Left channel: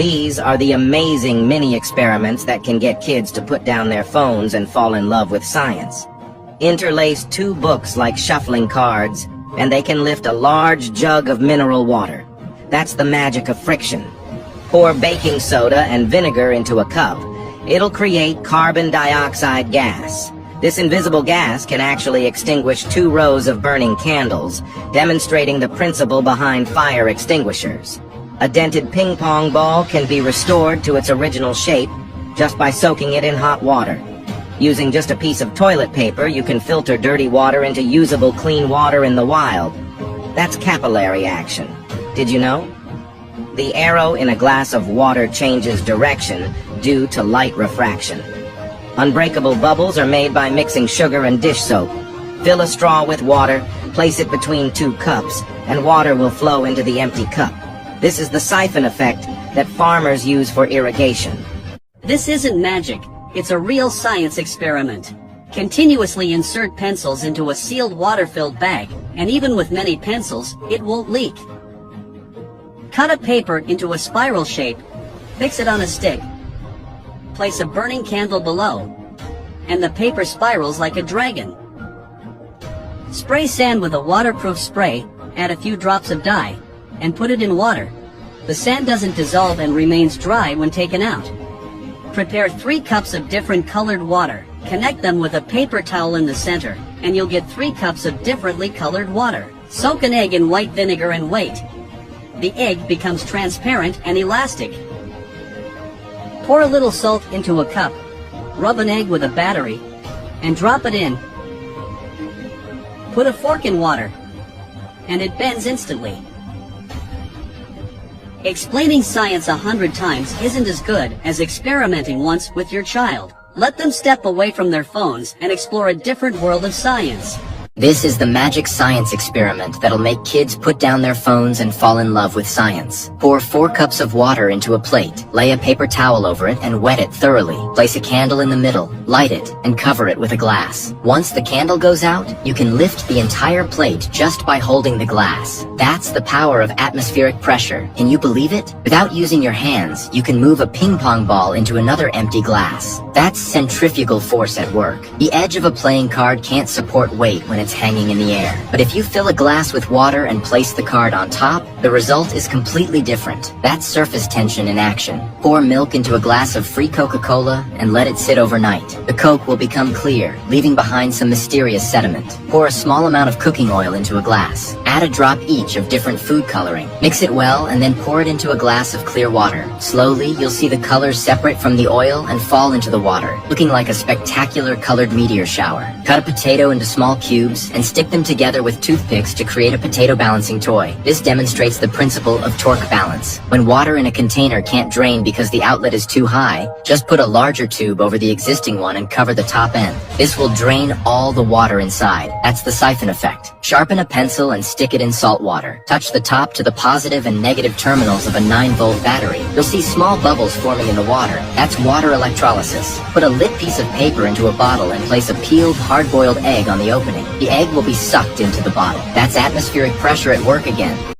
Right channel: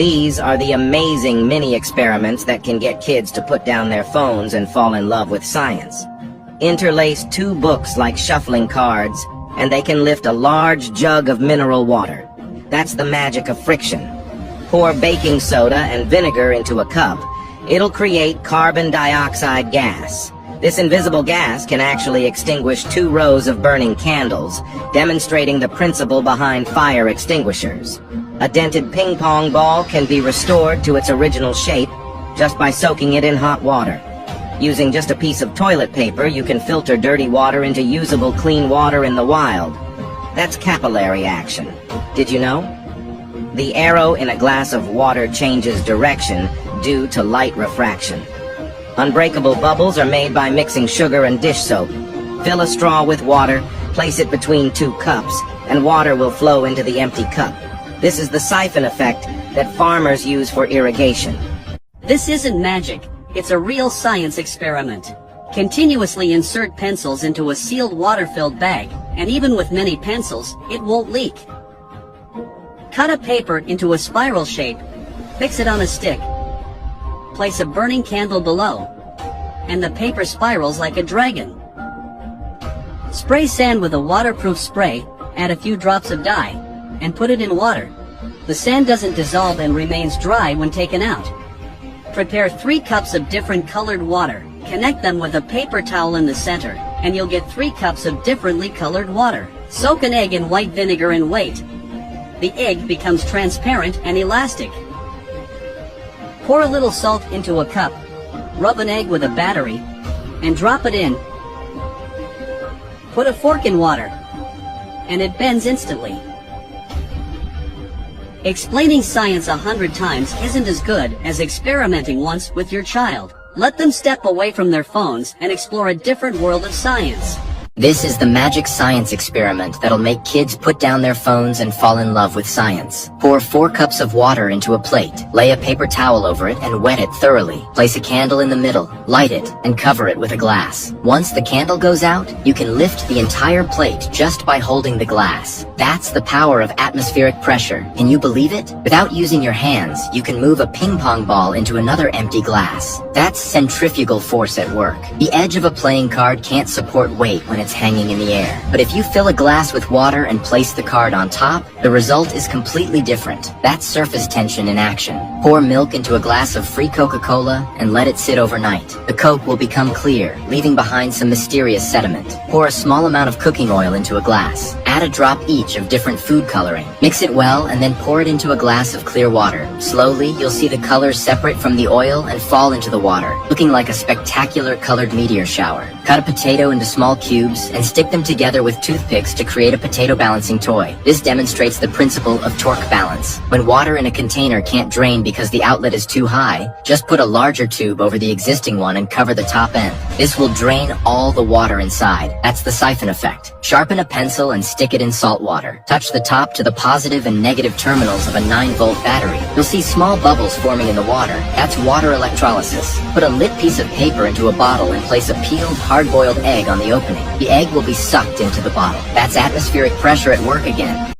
These are the amazing mini experiments that can get kids to put down their phones and fall in love with science. Interlace two books like shuffling cards, and they can lift a large jug of mineral water. That's the magic of friction. Pour baking soda and vinegar into a cup. It'll create carbon dioxide gas. This invisible gas can actually extinguish 2 rows of burning candles, demonstrating the principle behind fire extinguishers. A dented ping pong ball can be restored to its original shape just by soaking it in hot water. Using just a piece of toilet paper, you can filter dirty water into usable clean water in the wild. That's capillary action. Did you know? The arrow in a glass of water changes direction due to light refraction. Unbreakable bubbles are made by mixing sugar and dish soap. Fill a straw with water, place it between 2 cups, and water will flow into the empty cup. This is the siphon effect that farmers use for irrigation. This isn't magic. It's a real science experiment. Continuously insert pencils into a sealed water-filled bag, and even with many pencils, it won't leak. Cut a paper into a spiral shape, fix it on a stick. Place a burning candle below, and the paper spirals like a dragon. Spray sand with a waterproof spray, add a few drops of dye, and put it in water. The sand doesn't dissolve and remains dry when taken out. Prepare 3 cups of different colored water. Connect them with a paper towel in the center, and you'll get 3 cups of differently colored water. Soak an egg in white vinegar and wait. The egg becomes transparent and elastic. Pour a little salt into a cup, rub an egg with a battery, and drop it in. Put a fork in water, and it bends instantly. Explaining science 100 times isn't as good as experimenting once with your child. Let them step away from their phones and explore a different world of science. This is the magic science experiment that'll make kids put down their phones and fall in love with science. Pour 4 cups of water into a plate, lay a paper towel over it and wet it thoroughly. Place a candle in the middle, light it, and cover it with a glass. Once the candle goes out, you can lift the entire plate just by holding the glass. That's the power of atmospheric pressure. Can you believe it? Without using your hands, you can move a ping pong ball into another empty glass. That's centrifugal force at work. The edge of a playing card can't support weight when it's hanging in the air. But if you fill a glass with water and place the card on top, the result is completely different. That's surface tension in action. Pour milk into a glass of free Coca-Cola and let it sit overnight. The Coke will become clear, leaving behind some mysterious sediment. Pour a small amount of cooking oil into a glass. Add a drop each of different food coloring. Mix it well and then pour it into a glass of clear water. Slowly, you'll see the colors separate from the oil and fall into the water, looking like a spectacular colored meteor shower. Cut a potato into small cubes and stick them together with toothpicks to create a potato balancing toy. This demonstrates the principle of torque balance. When water in a container can't drain because the outlet is too high, just put a larger tube over the existing one and cover the top end. This will drain all the water inside. That's the siphon effect. Sharpen a pencil and stick it in salt water. Touch the top to the positive and negative terminals of a 9-volt battery. You'll see small bubbles forming in the water. That's water electrolysis. Put a lit piece of paper into a bottle and place a peeled, hard-boiled egg on the opening. The egg will be sucked into the bottle. That's atmospheric pressure at work again.